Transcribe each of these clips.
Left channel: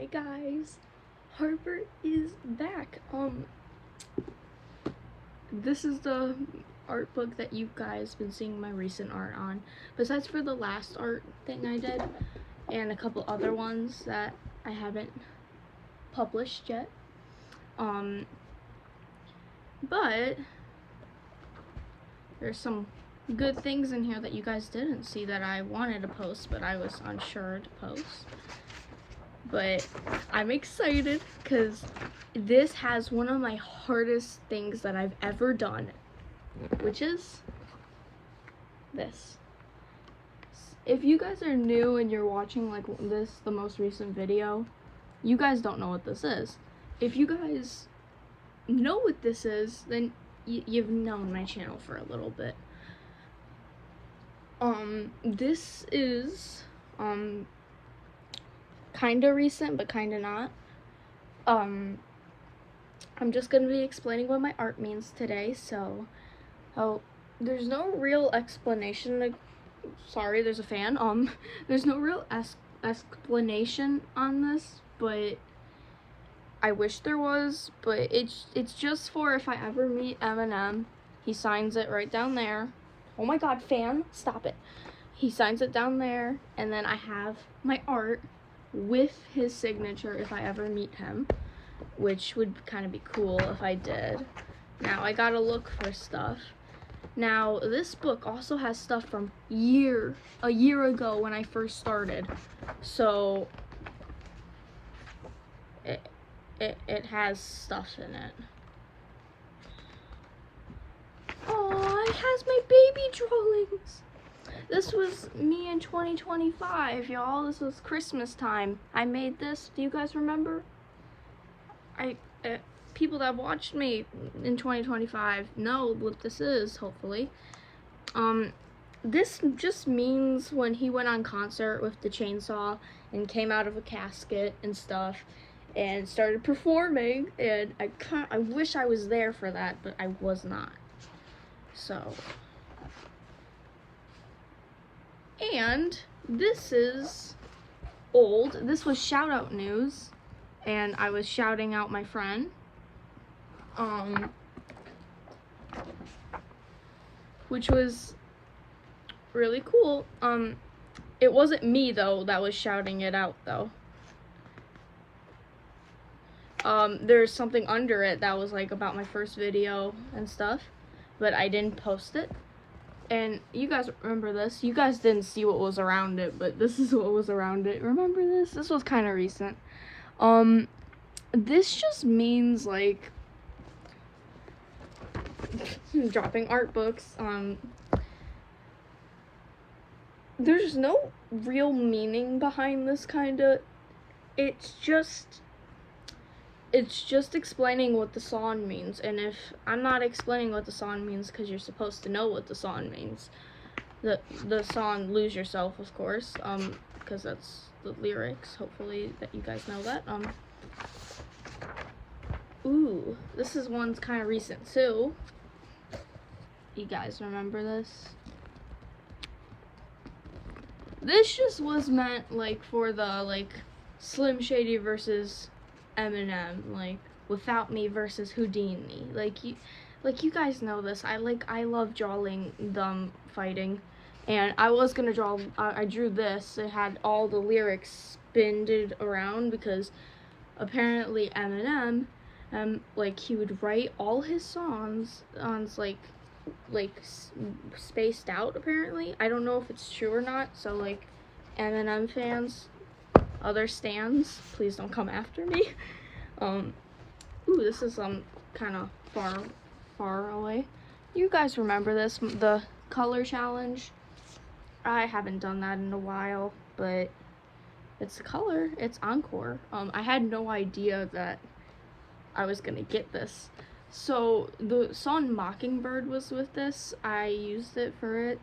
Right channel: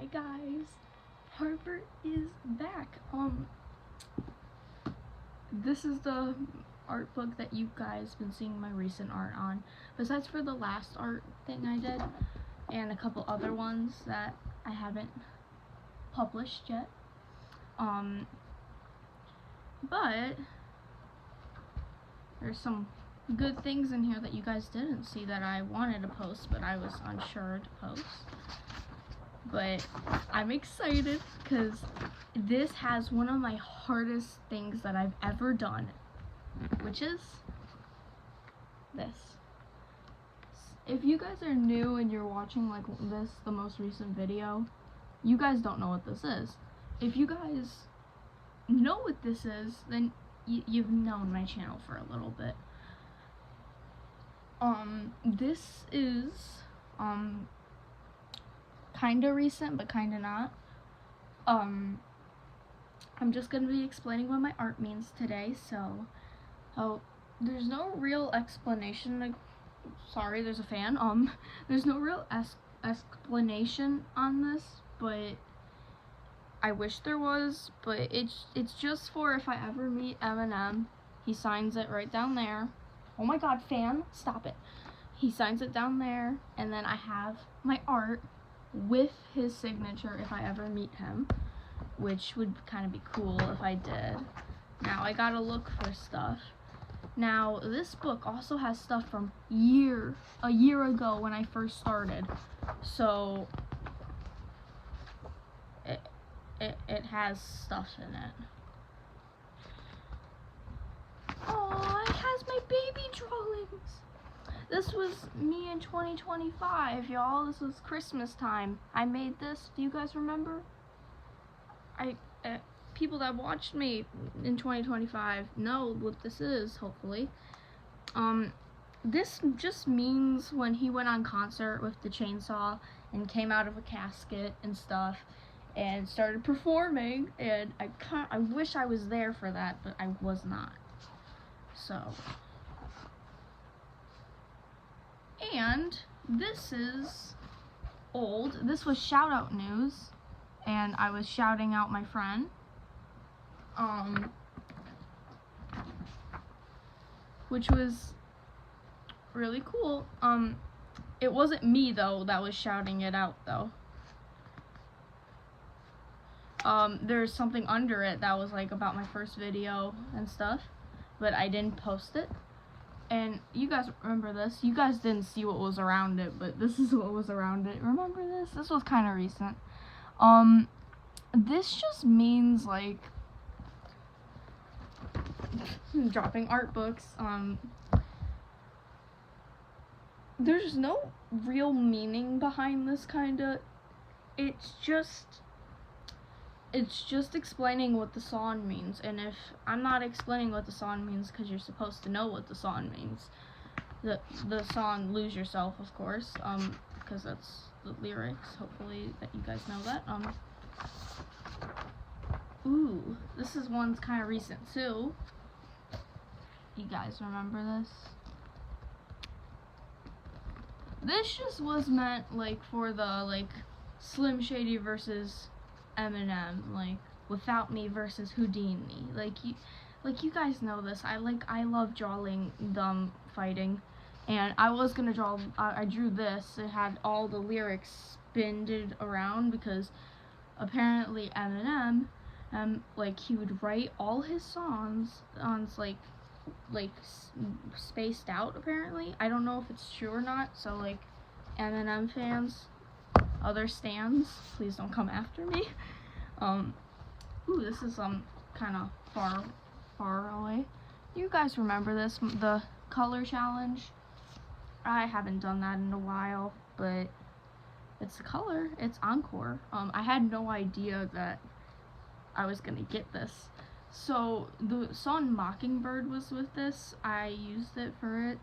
Hi guys, Harper is back. This is the art book that you guys been seeing my recent art on, besides for the last art thing I did and a couple other ones that I haven't published yet. But there's some good things in here that you guys didn't see that I wanted to post, but I was unsure to post. But I'm excited because this has one of my hardest things that I've ever done, which is this. If you guys are new and you're watching like this, the most recent video, you guys don't know what this is. If you guys know what this is, then you've known my channel for a little bit. This is kinda recent, but kinda not. I'm just gonna be explaining what my art means today, so there's no real explanation. Sorry, there's a fan. There's no real explanation on this, but I wish there was. But it's just for if I ever meet Eminem, he signs it right down there. Oh my god, fan, stop it. He signs it down there, and then I have my art with his signature if I ever meet him, which would kind of be cool if I did. Now I gotta look for stuff. Now this book also has stuff from a year ago when I first started, so it has stuff in it. Oh, it has my baby drawings. This was me in 2025, y'all. This was Christmas time. I made this. Do you guys remember? People that watched me in 2025 know what this is, hopefully. This just means when he went on concert with the chainsaw and came out of a casket and stuff and started performing, and I wish I was there for that, but I was not. So, and this is old. This was shout out news, and I was shouting out my friend. Which was really cool. It wasn't me though that was shouting it out though. There's something under it that was like about my first video and stuff, but I didn't post it. And you guys remember this. You guys didn't see what was around it, but this is what was around it. Remember this? This was kind of recent. This just means like dropping art books. There's no real meaning behind this kinda. It's just explaining what the song means, and if I'm not explaining what the song means because you're supposed to know what the song means. The song Lose Yourself, of course, because that's the lyrics, hopefully that you guys know that. Ooh, this is one's kind of recent too. You guys remember this? This just was meant like for the like Slim Shady versus Eminem, like Without Me versus Houdini. Like you guys know this. I love drawing them fighting, and I was gonna draw. I drew this. It had all the lyrics spinned around because apparently Eminem, like he would write all his songs on like spaced out apparently. I don't know if it's true or not, so like Eminem fans, other stans, please don't come after me. Ooh, this is kind of far away. You guys remember this, the color challenge? I haven't done that in a while, but it's the color, it's Encore. I had no idea that I was gonna get this. So the song Mockingbird was with this. I used it for it,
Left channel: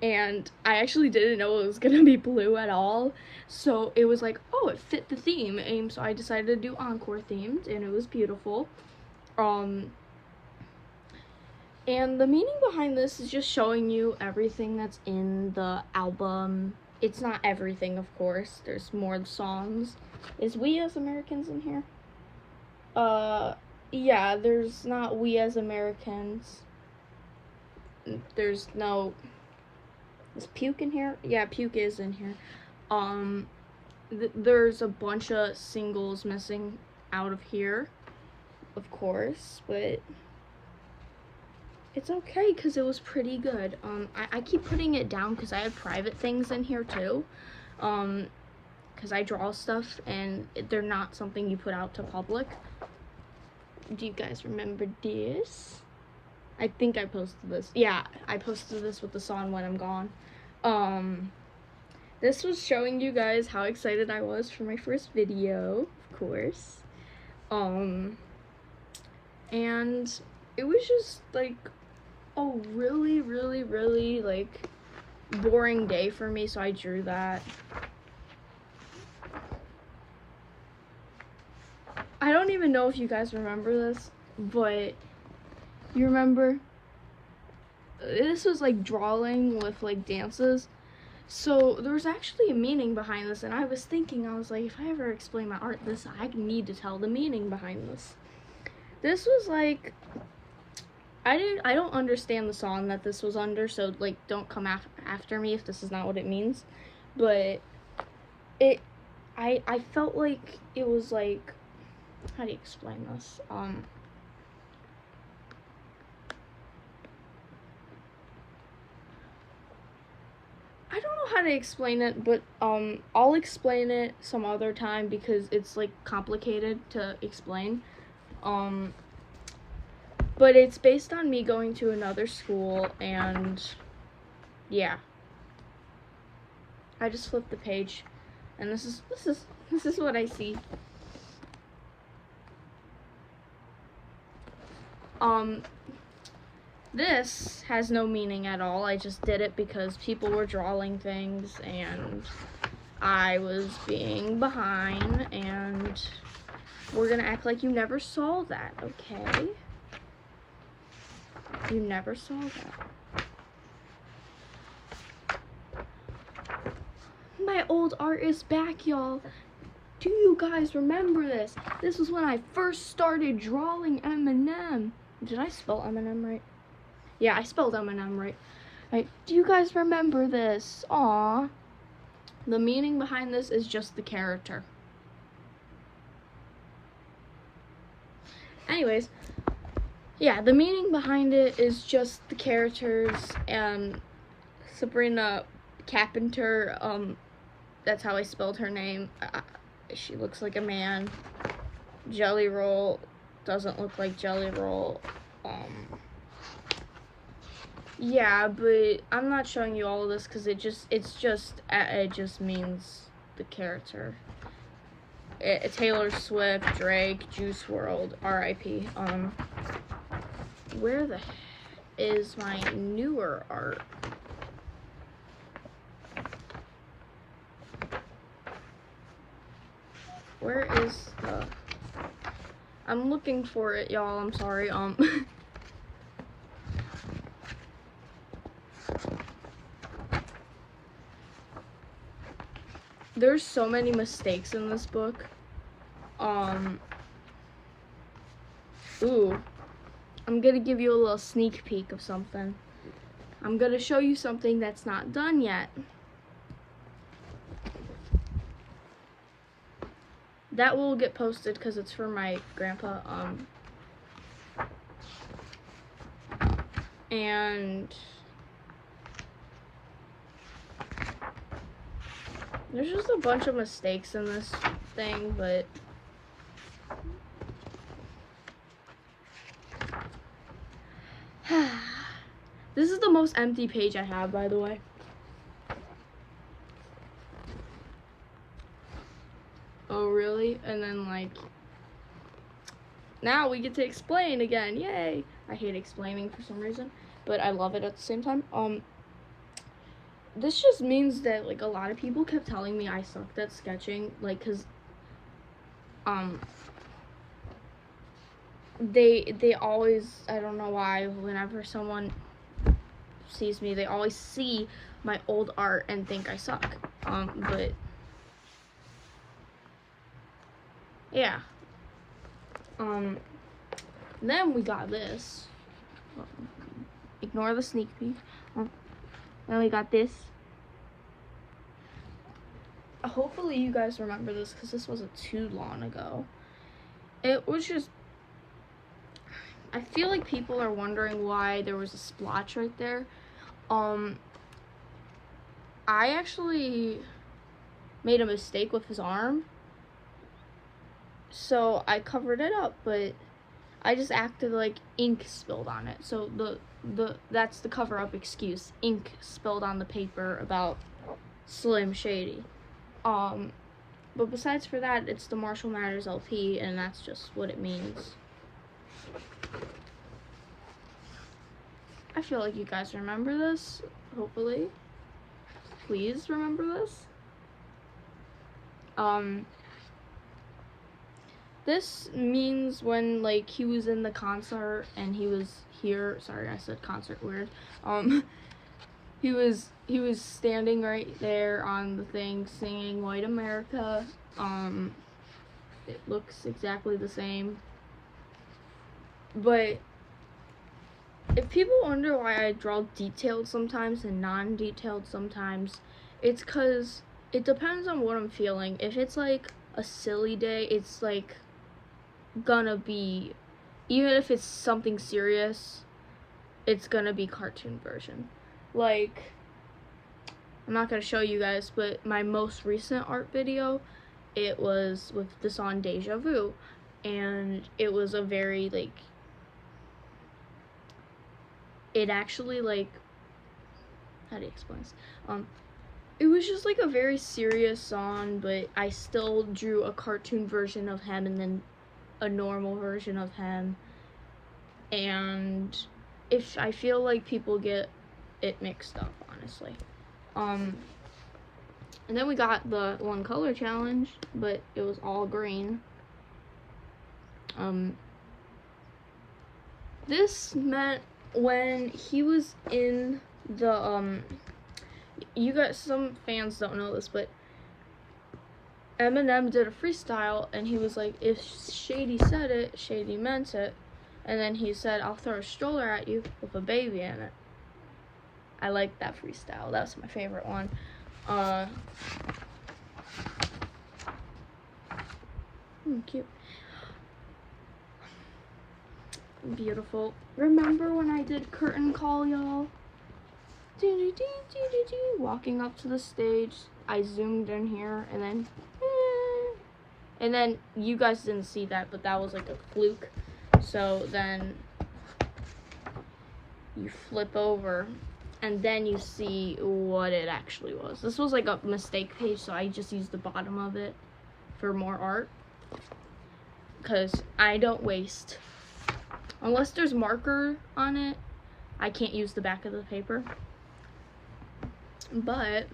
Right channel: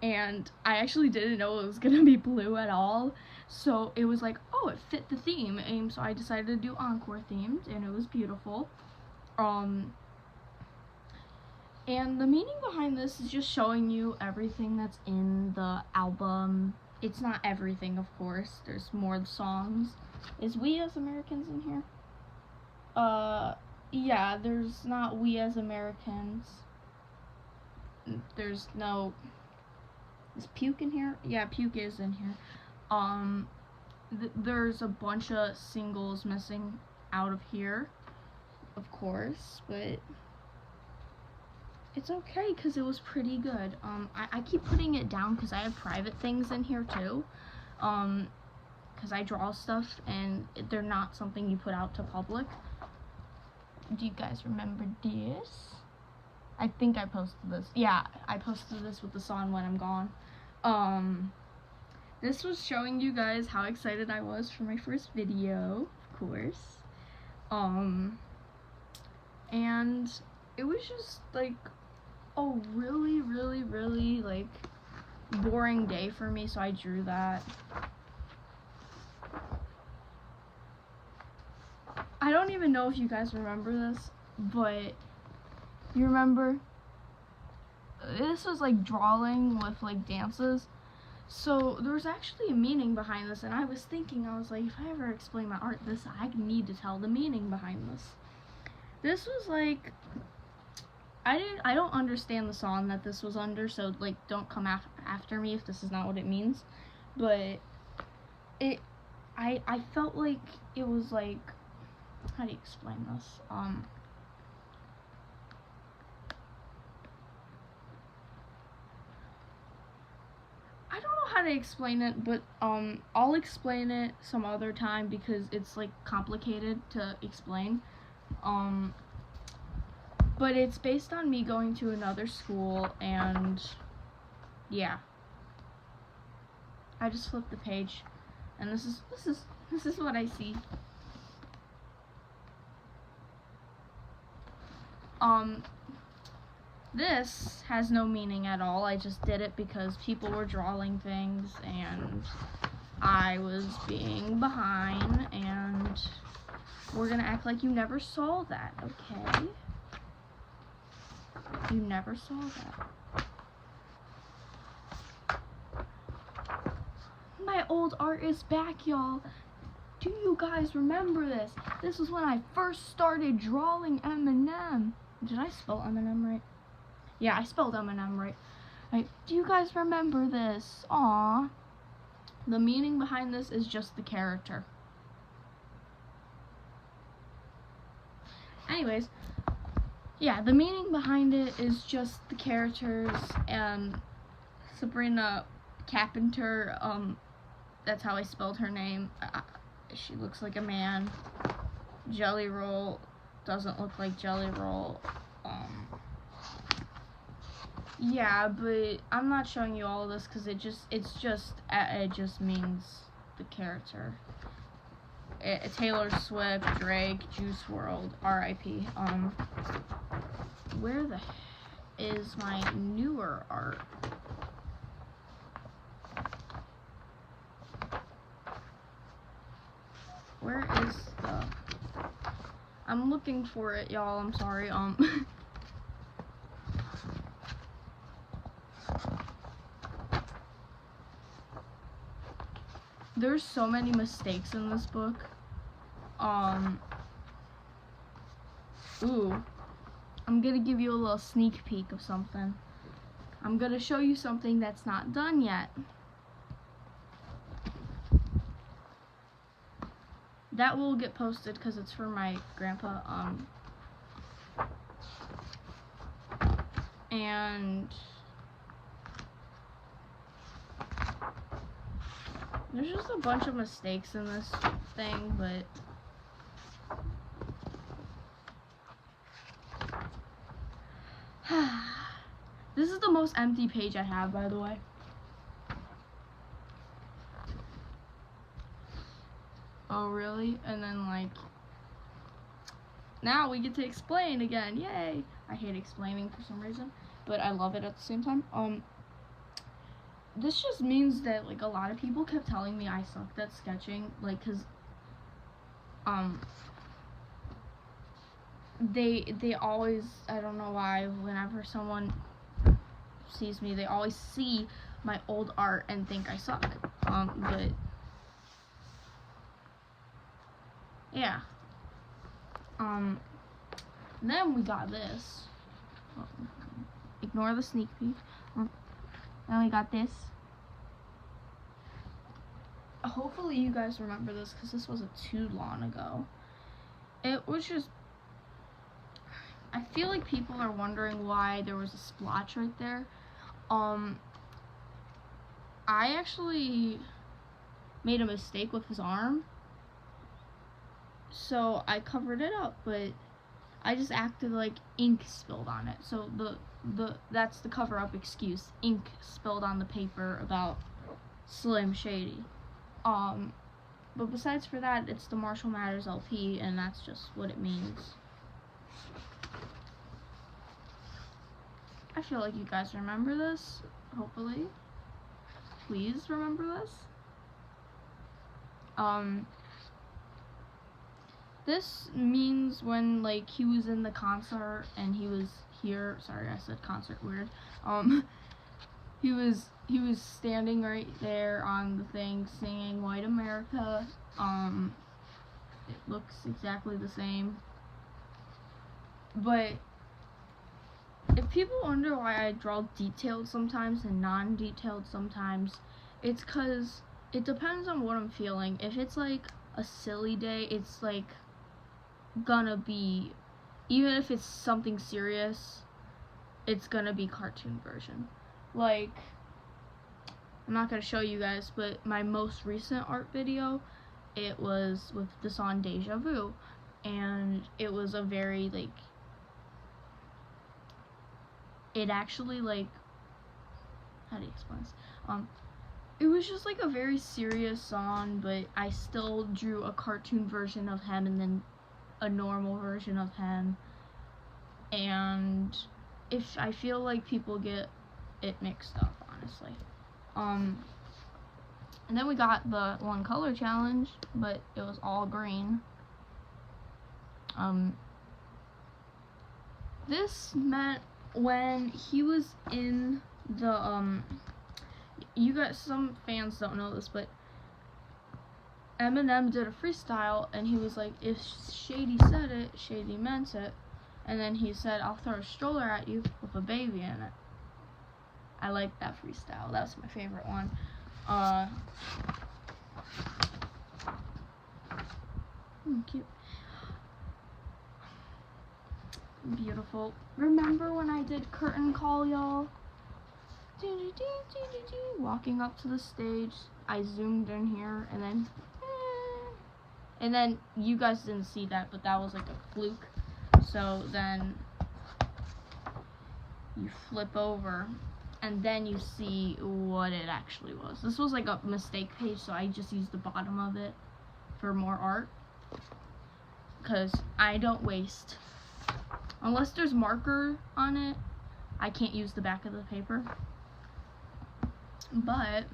and I actually didn't know it was gonna be blue at all, so it was like, oh, it fit the theme, and so I decided to do Encore themed, and it was beautiful. And the meaning behind this is just showing you everything that's in the album. It's not everything, of course, there's more songs, Is We As Americans in here? Yeah, there's not We As Americans. There's no... Is Puke in here? Yeah, Puke is in here. There's a bunch of singles missing out of here, of course, but it's okay because it was pretty good. I keep putting it down because I have private things in here too, because I draw stuff and they're not something you put out to public. Do you guys remember this? I think I posted this. Yeah, I posted this with the song When I'm Gone. This was showing you guys how excited I was for my first video, of course. And it was just like a really, really, really like boring day for me, so I drew that. I don't even know if you guys remember this, but you remember? This was like drawing with like dances. So there was actually a meaning behind this, and I was thinking, I was like, if I ever explain my art, I need to tell the meaning behind this. This was like, I don't understand the song that this was under, so like don't come after me if this is not what it means. But I felt like it was like, how do you explain this? I don't know how to explain it, but I'll explain it some other time because it's like complicated to explain. But it's based on me going to another school, and yeah. I just flipped the page, and this is what I see. This has no meaning at all. I just did it because people were drawing things and I was being behind, and we're gonna act like you never saw that, okay? You never saw that. My old art is back, y'all. Do you guys remember this? This was when I first started drawing Eminem. Did I spell Eminem right? Yeah, I spelled Eminem right. Do you guys remember this? Aww. The meaning behind this is just the character. Anyways, yeah, the meaning behind it is just the characters, and Sabrina Carpenter, that's how I spelled her name. She looks like a man. Jelly Roll doesn't look like Jelly Roll. Yeah, but I'm not showing you all of this because it just means the character. Taylor Swift, Drake, Juice WRLD, R.I.P. Where the is my newer art? Where is the... I'm looking for it, y'all. I'm sorry. There's so many mistakes in this book. Ooh. I'm gonna give you a little sneak peek of something. I'm gonna show you something that's not done yet. That will get posted because it's for my grandpa. And there's just a bunch of mistakes in this thing, but this is the most empty page I have, by the way. Oh, really? And then, like, now we get to explain again. Yay! I hate explaining for some reason, but I love it at the same time. This just means that, like, a lot of people kept telling me I sucked at sketching, like, cause, they always, I don't know why, whenever someone sees me, they always see my old art and think I suck. But Yeah. Then we got this. Ignore the sneak peek. Then we got this. Hopefully you guys remember this because this wasn't too long ago. It was just, I feel like people are wondering why there was a splotch right there. I actually made a mistake with his arm, so I covered it up, but I just acted like ink spilled on it. So that's the cover up excuse. Ink spilled on the paper about Slim Shady. But besides for that, it's the Marshall Mathers LP, and that's just what it means. I feel like you guys remember this, hopefully. Please remember this. This means when, like, he was in the concert and he was here. Sorry, I said concert weird. He was standing right there on the thing singing White America. It looks exactly the same. But if people wonder why I draw detailed sometimes and non-detailed sometimes, it's because it depends on what I'm feeling. If it's like a silly day, it's like gonna be, even if it's something serious, it's gonna be cartoon version. Like, I'm not gonna show you guys, but my most recent art video, it was with the song Deja Vu, and it was a very, like, it actually, like, how do you explain this? It was just like a very serious song, but I still drew a cartoon version of him and then a normal version of him. And if I feel like people get it mixed up, honestly. And then we got the one color challenge, but it was all green. This meant when he was in the you guys, some fans don't know this, but Eminem did a freestyle and he was like, if Shady said it, Shady meant it. And then he said, I'll throw a stroller at you with a baby in it. I like that freestyle. That's my favorite one. Cute. Beautiful. Remember when I did curtain call, y'all? Walking up to the stage, I zoomed in here, and then you guys didn't see that, but that was like a fluke. So then you flip over, and then you see what it actually was. This was like a mistake page, so I just used the bottom of it for more art, because I don't waste. Unless there's marker on it, I can't use the back of the paper. But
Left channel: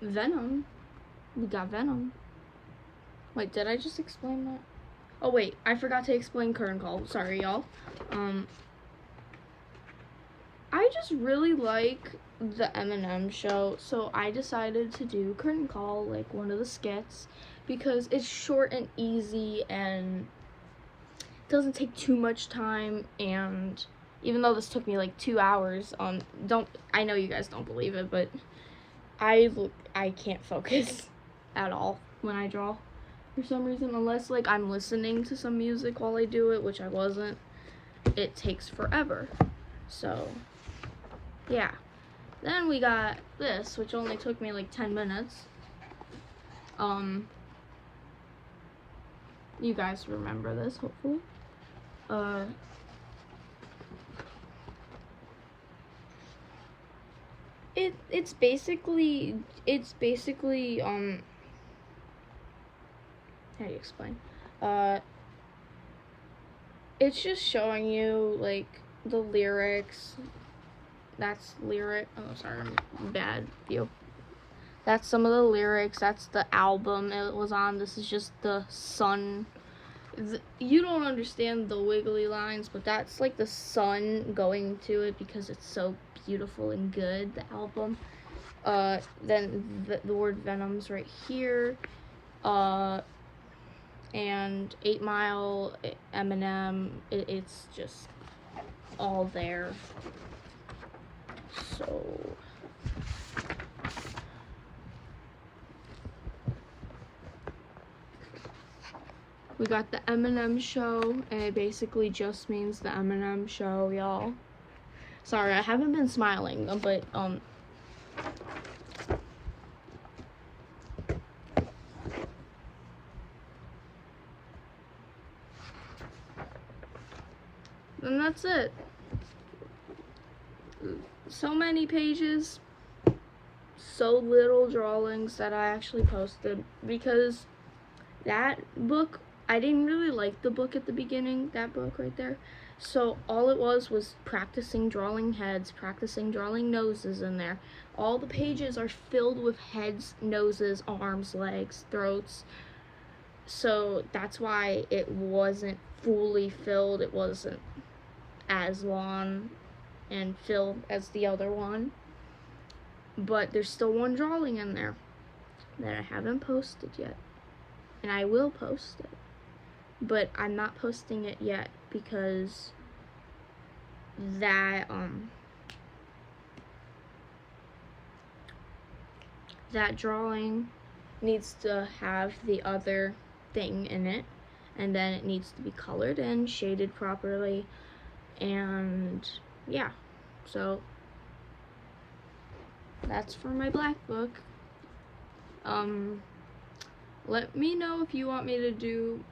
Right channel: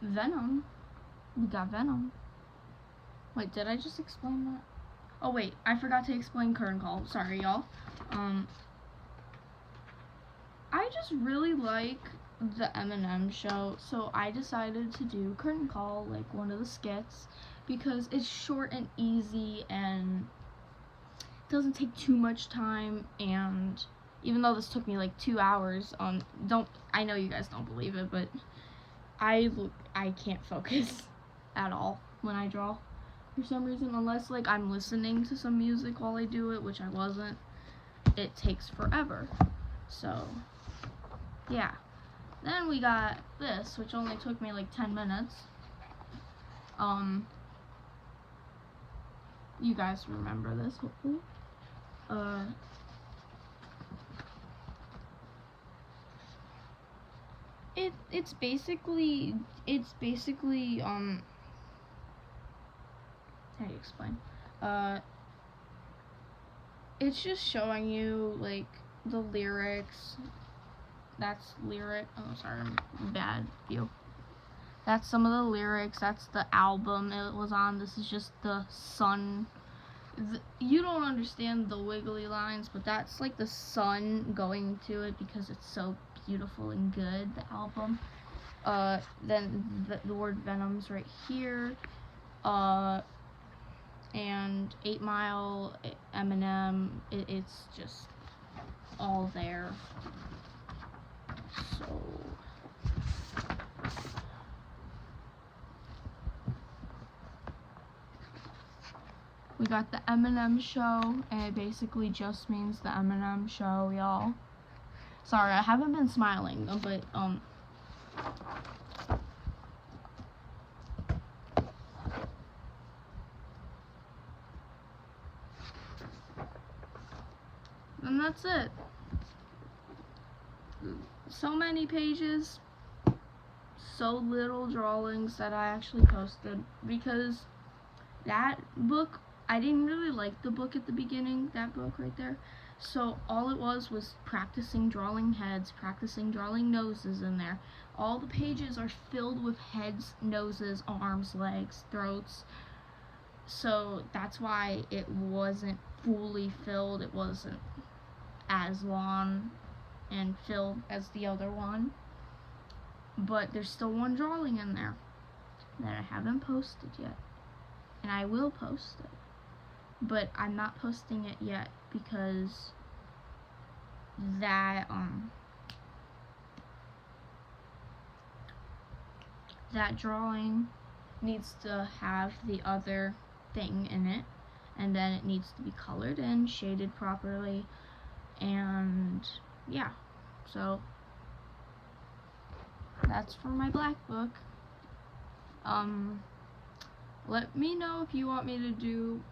Venom, we got Venom. Wait, did I just explain that? Oh wait, I forgot to explain curtain call. Sorry, y'all. I just really like the Eminem show, so I decided to do curtain call, like one of the skits, because it's short and easy and doesn't take too much time. And even though this took me like 2 hours, I know you guys don't believe it, but I can't focus at all when I draw for some reason, unless like I'm listening to some music while I do it, which I wasn't. It takes forever. So yeah. Then we got this, which only took me like 10 minutes. You guys remember this, hopefully. It's basically how do you explain? It's just showing you like the lyrics. That's lyric. Oh, sorry, I'm bad view. That's some of the lyrics. That's the album it was on. This is just the sun. You don't understand the wiggly lines, but that's like the sun going to it because it's so beautiful and good, the album. Then the word Venom's right here. and 8 Mile, Eminem, it's just all there. So we got the Eminem Show, and it basically just means the Eminem Show, y'all. Sorry, I haven't been smiling, but and that's it. So many pages, so little drawings that I actually posted, because that book, I didn't really like the book at the beginning, that book right there. So all it was practicing drawing heads, practicing drawing noses in there. All the pages are filled with heads, noses, arms, legs, throats. So that's why it wasn't fully filled. It wasn't as long and filled as the other one. But there's still one drawing in there that I haven't posted yet. And I will post it. But I'm not posting it yet because that drawing needs to have the other thing in it, and then it needs to be colored and shaded properly, and yeah, so that's for my black book. Let me know if you want me to do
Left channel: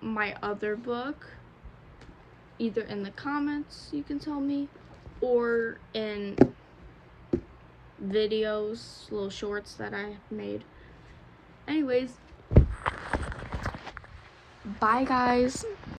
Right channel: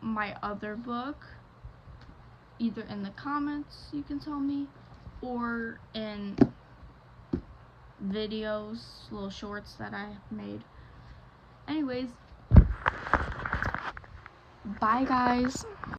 my other book, either in the comments, you can tell me, or in videos, little shorts that I have made. Anyways, bye guys.